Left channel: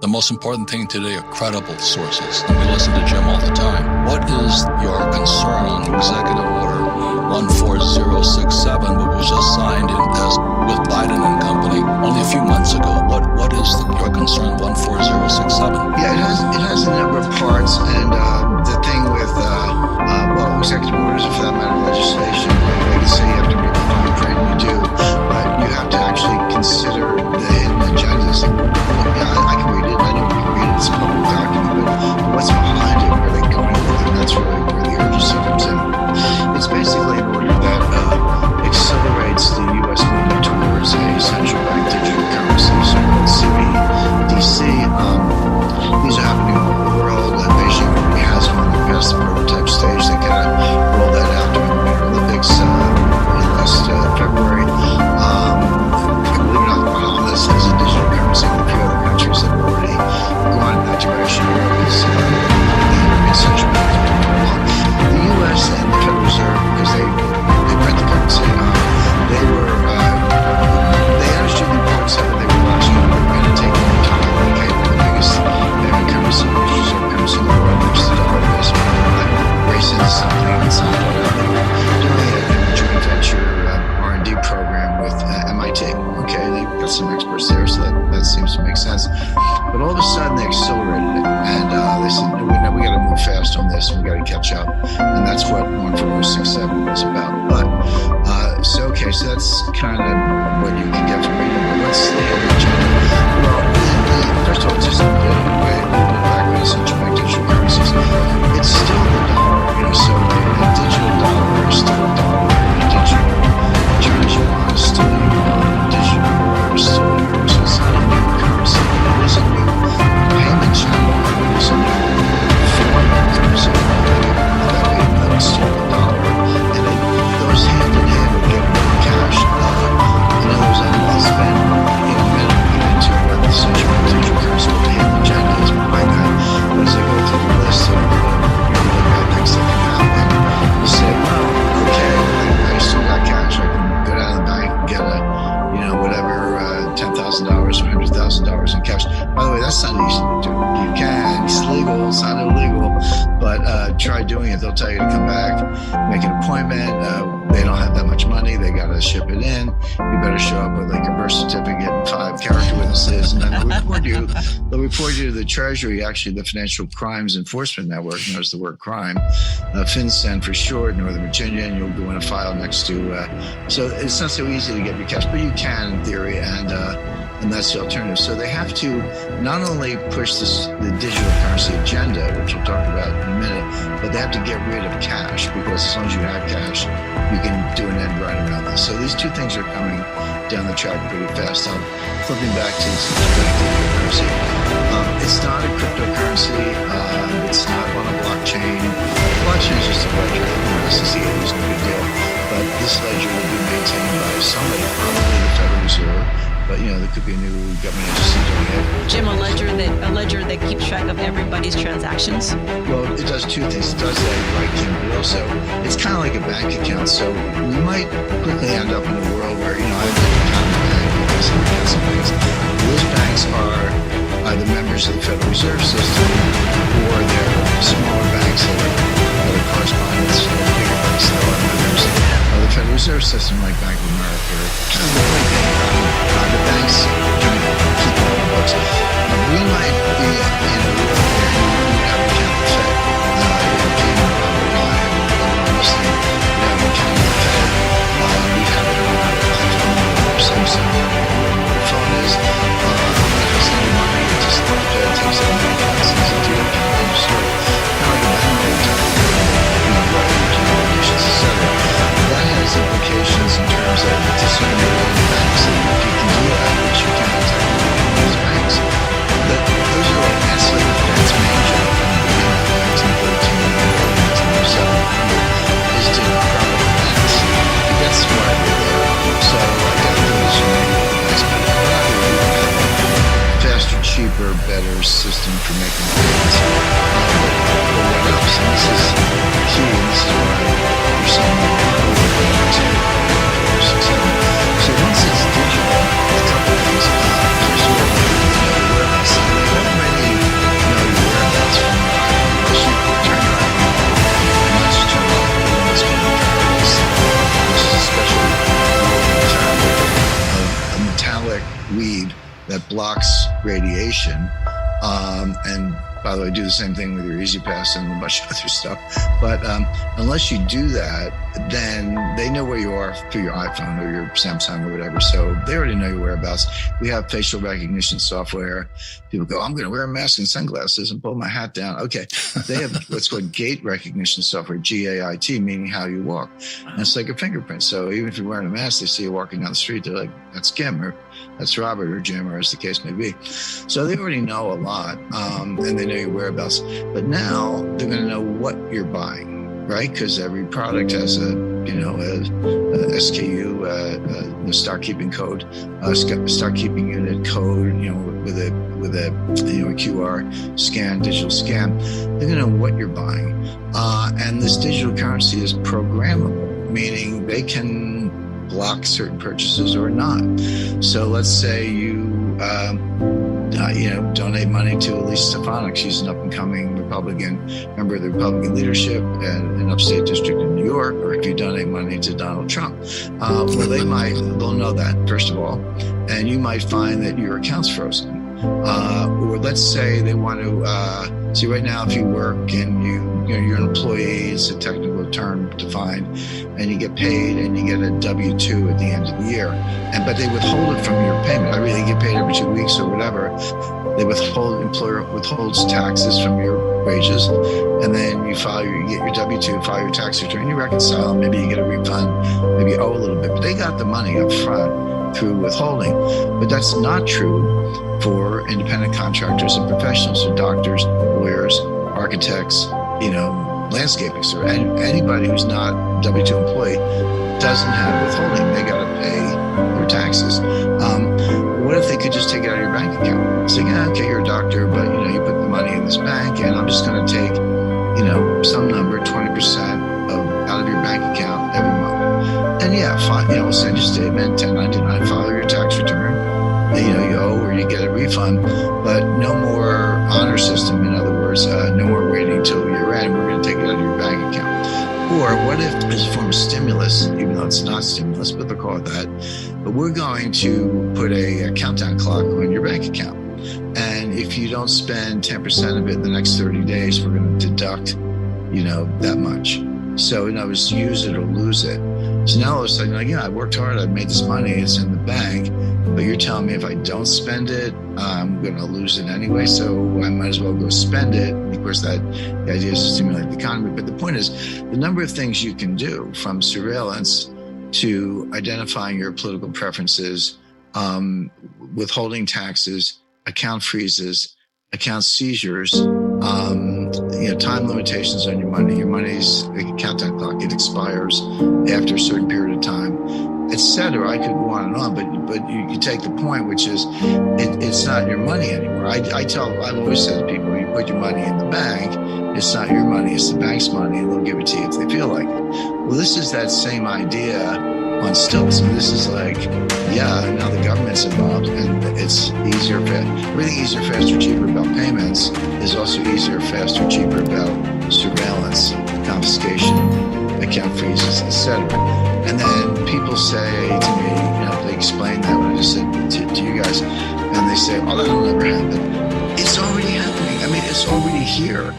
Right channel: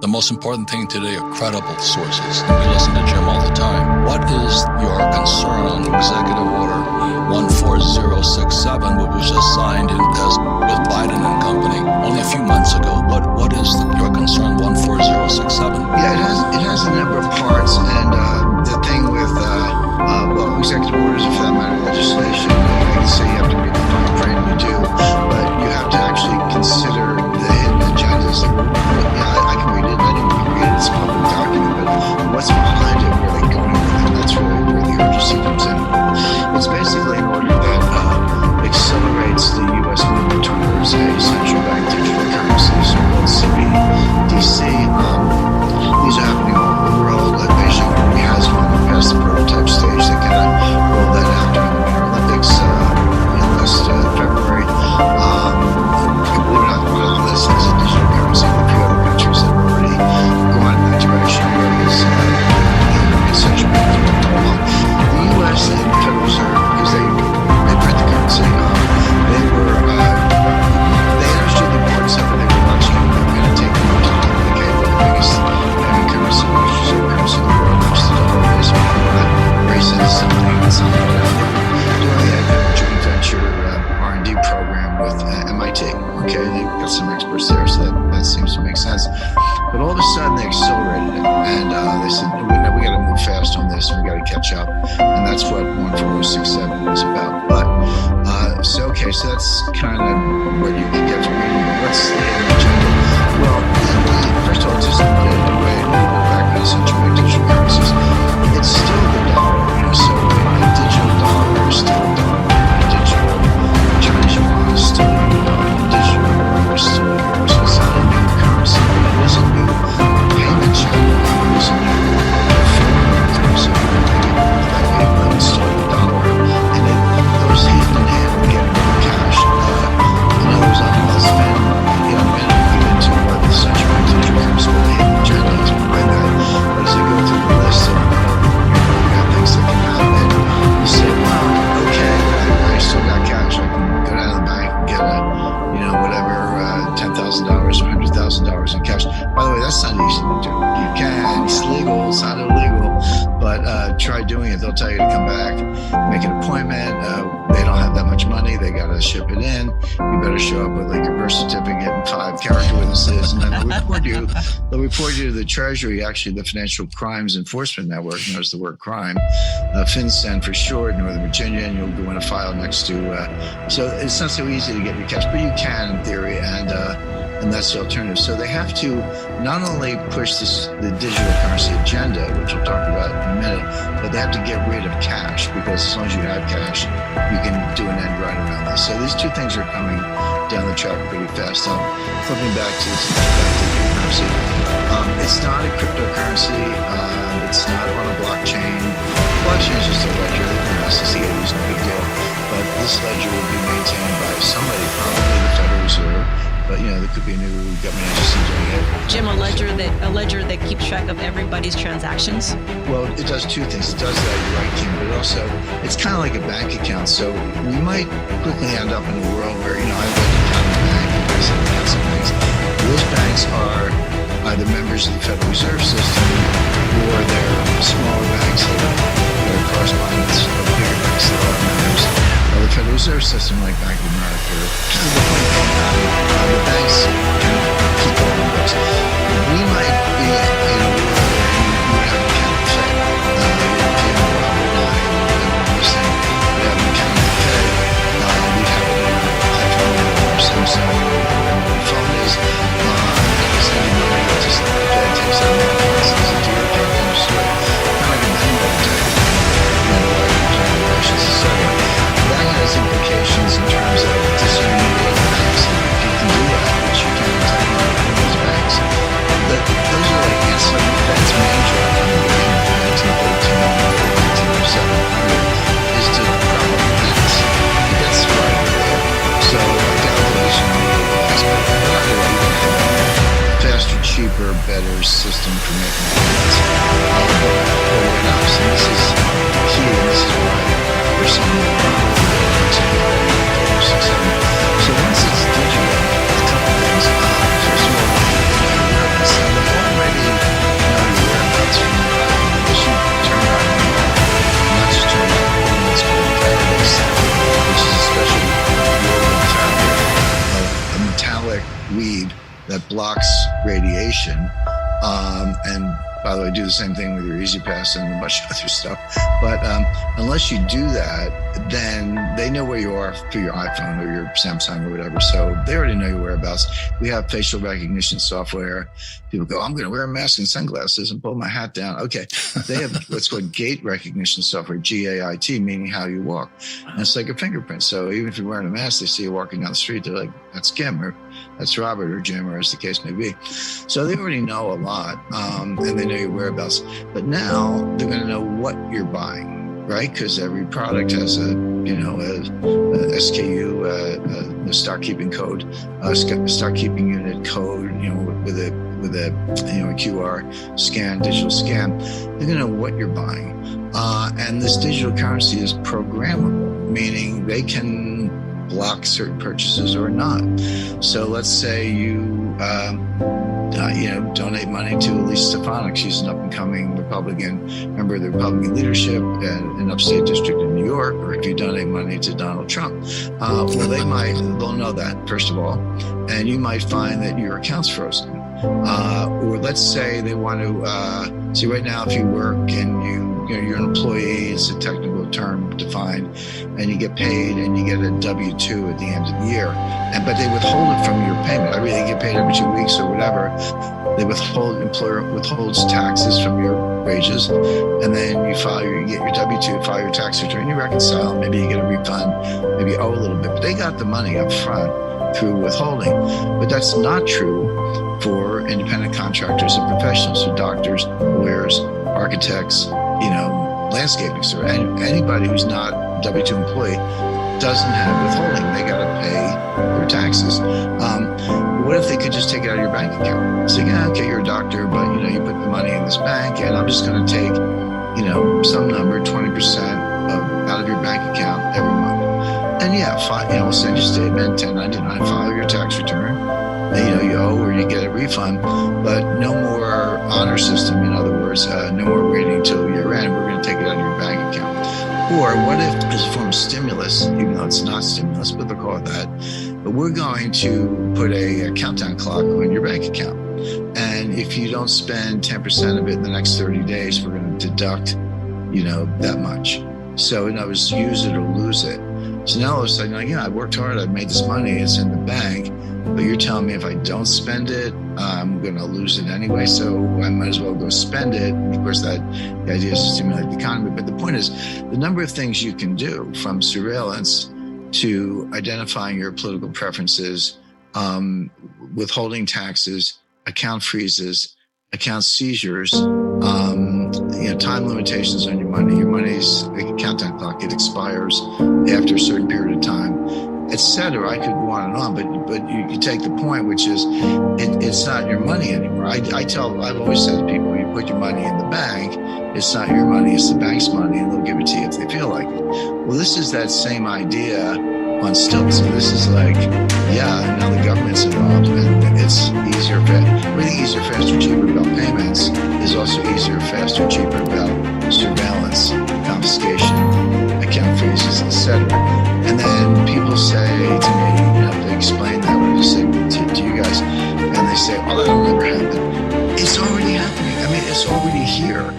The most important thing today are credible sources. And we listen to Jim all the time. What is your concern on Executive Order 14067, which was just signed with Biden and company only a few months ago? What is your concern 14067? Yeah, it has a number of parts, and the thing with executive orders, or for that matter, legislation, like you say, you have to read the fine print, and you do, but you have to actually consider the hidden agendas. I can read it, and anyone can read it, it's a public document, but what's behind it, where are they going with it? That's really where the urgency comes in. It's basically an order that accelerates the U.S. movement towards a central bank digital currency, so-called CBDC. These are happening all over the world. Beijing already has one. They're past the prototype stage. They kind of rolled that out during the Winter Olympics last February. Believe it or not, the Bahamas has a digital currency. There are a few other countries that have already gone in that direction. Europe is the European Central Bank has been far along. The U.S. and the Federal Reserve, because they print the currency, they understood the importance of it. They were watching it. They were going to take more time. Okay, we're the biggest payment currency, the biggest reserve currency in the world, which the dollar is. We don't want to race into something that's not right out. They were doing it in a joint venture R&D program with MIT. Okay, they've got some experts there, so that seems to make sense. But all of a sudden, they accelerated it, and they said, "No, we got to move fast on this, and we got to catch up." And that's what 14067 was about. But so that's kind of what you can get from reading. But what's the hidden agenda? Well, first of all, just a little bit back on central bank digital currencies. It's still the dollar, so a digital dollar is still a dollar. A digital Chinese yuan is still a yuan. A digital euro is still a euro. So it's not a new currency, but it is a new payment channel. It is a new form of currency. I think that way, even though it's still the dollar. And it goes hand in hand with getting rid of cash. I'll spend a minute to get into what the central bank digital currency, what the hidden agenda is behind that. But as I go through the list of really bad things that can happen, you say, well, okay, I still got cash. I can go down to the bank and get $10,000 or $100,000 in cash. By the way, that's not easy to do. You can, it's legal, it's not illegal, but try doing it. They'll tell you to come back, make an appointment. They don't have that much money. They got to ship it in. You better show up with like a birth certificate and 5 character witnesses, and then they'll report you to the Treasury, actually the Financial Crimes Enforcement Network, knows the word crime, FinCEN for short, Northern Virginia, and you'll go in a file next to, so it's not so easy to get your cash, but you can in theory, and that's the alternative. So they have to not only push the digital currency agenda, which we'll talk about in a minute, but they have to get rid of cash, because as long as you have cash, you can do an end run around this. So these two things are coming down the track pretty fast. Now, flipping back to the central bank digital currency, it's not a cryptocurrency. It's not on a blockchain. Blockchain is just a ledger. Since the 80s, no big deal. But this ledger will be maintained by somebody, probably the Federal Reserve. But there could be a new government agency doing it. Jim, a ledger that keeps track of everybody's transactions. Well, it does two things. It does that, you're right, Kim, but also it's kind of like a bank account. So we might quickly end up in a world where I have an account in the bank, you guys have accounts in banks. Those banks are either members of the Federal Reserve System, or they're smaller banks that are correspondents of bigger banks that are members of the Federal Reserve System, like Bank of America. The point being, the banks kind of keep all the books. We might be in a world where you would have an account at the Fed. Jim, Robert, and I, and everyone listening would have an account at the Fed. We'd have it on our iPhone or Samsung or whatever the phone is. If it's any money, the Fed takes out money and sends it to your account and you store it. Kind of like a Venmo type of thing, wire relations, etc. That has implications in terms of disintermediating banks. If you can do that, which you can technically in those banks, but those are like ancillary. The Fed's main job from the beginning of 1913 or 1907 is to prop up banks. That's why they're there. So I doubt they'll disintermediate the banks, but either way, you can have a faster, cheaper, better system for making payments. But what else? And this is the key, and this is why we're saying so once it's digital, a couple things. First of all, they know where else. Now they all that blocks radiation. And by the way, do the same thing with your Easy Pass and a bunch of other stuff. But unless you do that, then they know where you are through your iPhone or your Samsung or whatever. So they already know your whereabouts. We have facial recognition software. People go, I'm going to wear a mask and sunglasses and pull my hat down. Okay. They have what's called gait recognition software, GAIT, meaning how you walk. And it's like a fingerprint. So even if you're wearing a mask, they see you walking down the street. They're like, that's Kim, or that's Robert, or Jim, or as the case may be. So they already know a lot, and they know your whereabouts. But now they're going to know what you're buying, right? Because every product has a SKU, a stock keeping code, stock keeping unit code, with a QR scan, digital scan. They're going to know what you're buying, and this digital currency is programmable, meaning they can block certain purchases or not. So let's say you donate money to Elise Stefanik. She's an up-and-coming Republican, member of the Republican leadership in upstate district in New York. Or if you donate money to Donald Trump, they'll know that, first of all, and you might find that your account's frozen. Or let's say they want to see right now, if you work and you're an employee, it's a technical term defined, and you get paid and you get a W-2 at the end of the year, but they withhold it from your payment. I mean, they get paid every 2 weeks or whatever. They employer withholds taxes from your wages, and then you get your W-2, file your tax return, you reconcile, maybe you get a refund, maybe you owe a little bit, but they got the money up front through withholding. But that's not true for independent contractors and professionals, so doctors, lawyers, architects, landscaping. So anybody who's not a W-2 employee doesn't have withholding. They got to pay their taxes. What if they could just take it out of your bank account? Say, okay, you're a doctor, but you put the money in this bank, and I'm just going to take, some number, 20% out of your bank account every month. And we'll send you a statement, 1099, file your tax return. You owe or you get a refund, but no more honor system. In other words, no more waiting till year end. We're going to take it out of your bank account. Or what if, as a form of stimulus, even though it's not stimulus, but they'll call it that, but we're going to put a countdown clock on your bank account. And if you don't spend 10% of it in the next 30 days, we're going to deduct, that much. So in other words, use it or lose it. So now all of a sudden, I worked hard, I've made this money, it's in the bank, but you're telling me if I don't spend it, I'm going to lose it anyway, so I might as well go spend it. And of course, the idea is to stimulate the economy. But the point is, the number of things you can do, from surveillance to identifying your political preferences, withholding taxes, account freezes, account seizures, time limitations on your money. Your money's like a countdown clock. It expires after a certain period of time, etc. I could go on and on, but you take the point, which is it's not your money anymore. I've always said to people, you put your money in the bank, it's not your money, it's the bank's money, and they'll give it to you if they feel like it. Well, this is that same idea on stilts. And this is like, now the government's involved, and it's easier, everything easier, faster, cheaper about payments is also easier, faster, cheaper about surveillance, confiscation, account freezes, etc. And then people say to me, they explain that when I just said to you guys, and they say, that'll never happen. It's already happening. I mean, it's already here.